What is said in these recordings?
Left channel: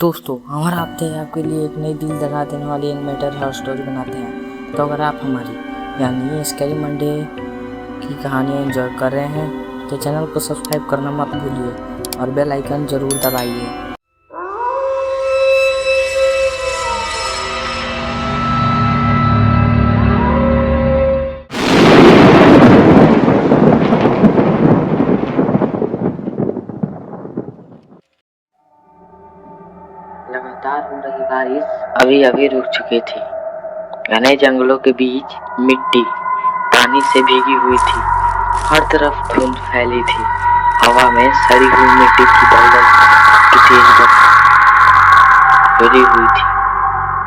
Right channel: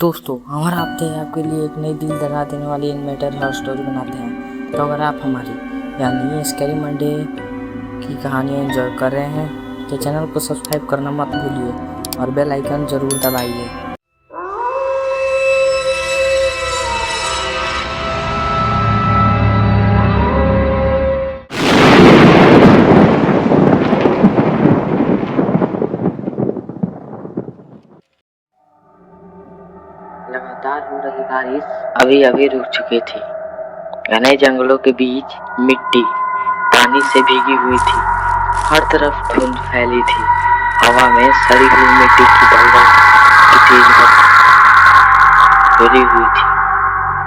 दोस्तों, हमारा हफ्ते आपके लिए एक नई दिल दहला देने वाली एनिमेटेड हॉरर स्टोरी बनाते हैं। तो अगर आप हमारी यानी स्कैरी मंडे की कहानियाँ एंजॉय कर रहे हैं तो चैनल को सब्सक्राइब करना मत भूलिए और बेल आइकन ज़रूर दबाइए। लगातार हो रही बारिश अभी अभी रुक चुकी थी। घने जंगलों के बीच मिट्टी पानी से भीगी हुई थी। हर तरफ धुंध फैली थी। हवा में सड़ी हुई मिट्टी की दलदल की तेज बूंदें फैली हुई थी।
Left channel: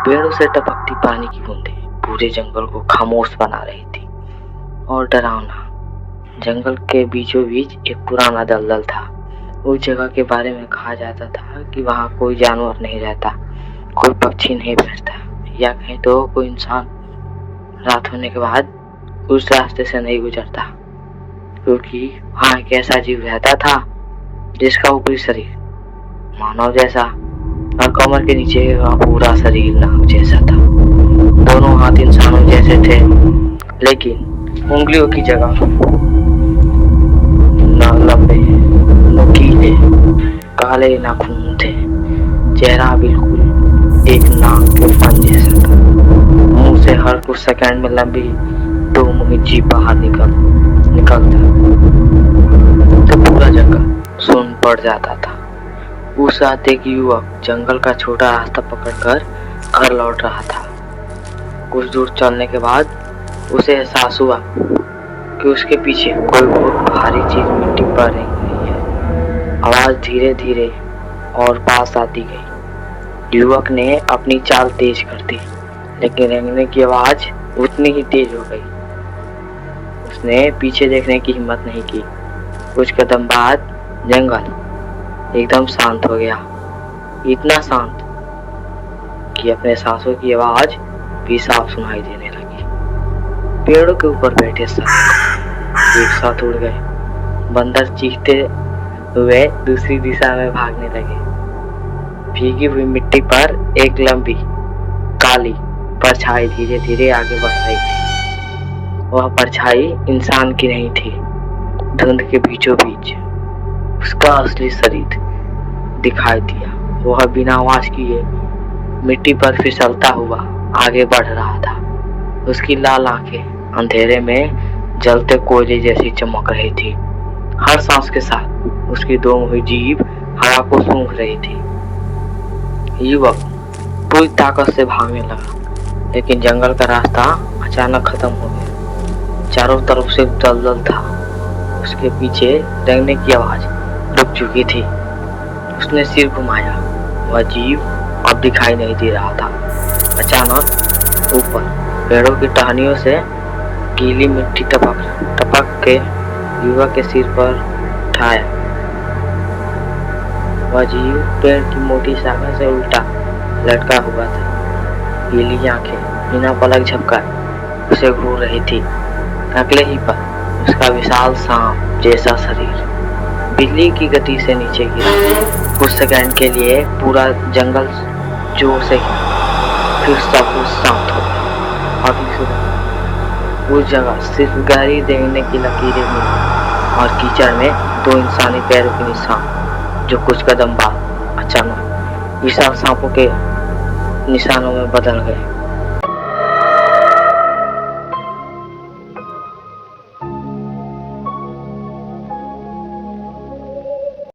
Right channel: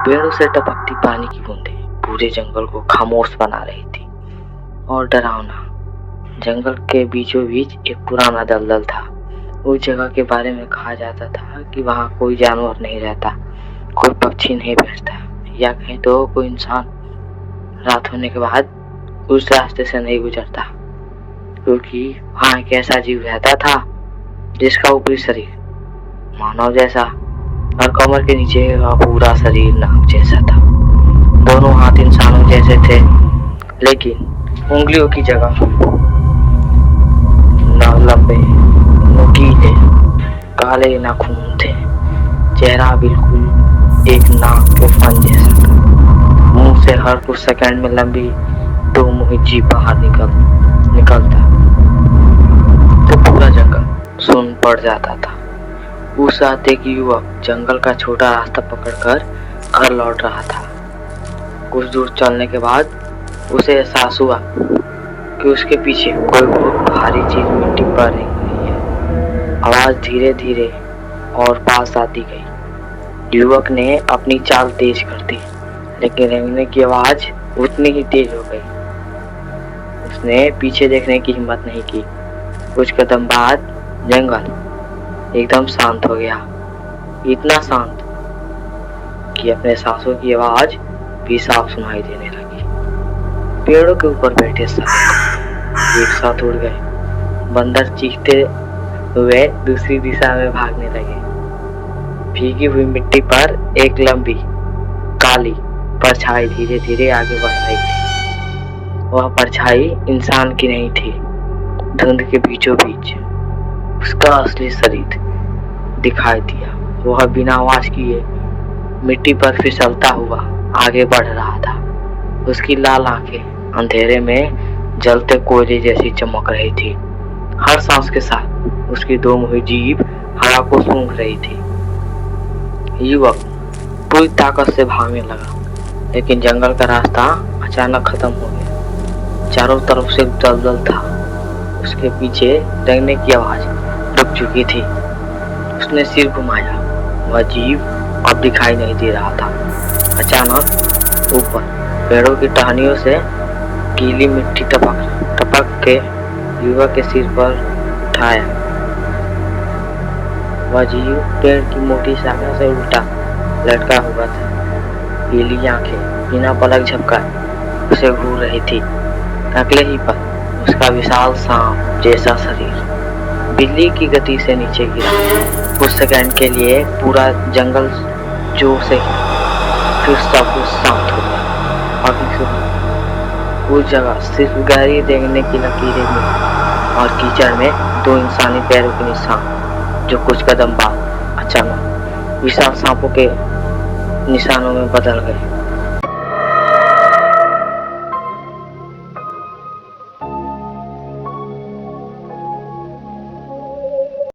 पेड़ों से टपकती पानी की बूंदें पूरे जंगल को खामोश बना रही थी। और डरावना जंगल के बीचों बीच एक पुराना दलदल था। उस जगह के बारे में कहा जाता था कि वहाँ कोई जानवर नहीं रहता, कोई पक्षी नहीं बैठता, या कहीं तो कोई इंसान रात होने के बाद उस रास्ते से नहीं गुजरता, क्योंकि वहाँ एक ऐसा जीव रहता था जिसका ऊपरी शरीर मानव जैसा और कमर के नीचे का पूरा शरीर नाग जैसा था। दोनों हाथ इंसानों जैसे थे, लेकिन उंगलियों की जगह न लंबे नुकीले काले नाखून थे। चेहरा बिल्कुल एक नाग के फन जैसा था। मुंह से हर कुछ सेकंड में लंबी दो मुही जीभ बाहर निकलता तो पूरा जंगल सुन पड़ जाता था। उस रात एक युवक जंगल का छोटा रास्ता पकड़कर घर लौट रहा था। कुछ दूर चलने के बाद उसे एहसास हुआ कि उसके पीछे कोई बहुत भारी चीज मिट्टी पर रेंग रही है। आवाज धीरे धीरे और पास आती गई। युवक ने अपनी चाल तेज कर दी, लेकिन रेंगने की आवाज उतनी ही तेज हो गई। उसने पीछे देखने की हिम्मत नहीं की। कुछ कदम बाद जंगल एकदम शांत हो गया, इतना शांत कि अपने सांसों की आवाज भी साफ सुनाई देने लगी। पेड़ों के ऊपर बैठे सारे एक साथ उड़ गए। बंदर चीखते हुए दूसरी दिशा में भागने लगे। भीगी हुई मिट्टी पर एक लंबी काली परछाई धीरे धीरे आगे बढ़ रही थी। वह परछाई इंसान की नहीं थी। धुंध के बीचों बीच उसका असली शरीर दिखाई दिया। वह बिना आवाज किए मिट्टी पर फिसलता हुआ आगे बढ़ रहा था। उसकी लाल आंखें अंधेरे में जलते कोयले जैसी चमक रही थी। हर सांस के साथ उसकी दो मुही जीभ हवा को सूंघ रही थी। युवक पूरी ताकत से भागने लगा, लेकिन जंगल का रास्ता अचानक खत्म हो गया। चारों तरफ से दलदल था। उसके पीछे रेंगने की आवाज रुक चुकी थी। उसने सिर घुमाया। वह जीव अब दिखाई नहीं दे रहा था। अचानक ऊपर पेड़ों की टहनियों से गीली मिट्टी टपक के युवक के सिर पर उठाया। वह जीव पेड़ की मोटी शाखा से उल्टा लटका हुआ था। गीली आंखें बिना पलक झपकाए उसे घूर रही थी। अगले ही पल उसका विशाल सांप जैसा शरीर बिजली की गति से नीचे गिरा। कुछ सेकंड के लिए पूरा जंगल जोर से हिला, फिर सब कुछ शांत हो गया। अभी सुबह उस जगह सिर्फ गहरी रेंगने की लकीरें मिली और कीचड़ में दो इंसानी पैरों के निशान, जो कुछ कदम बाद अचानक विशाल सांपों के निशानों में बदल गए।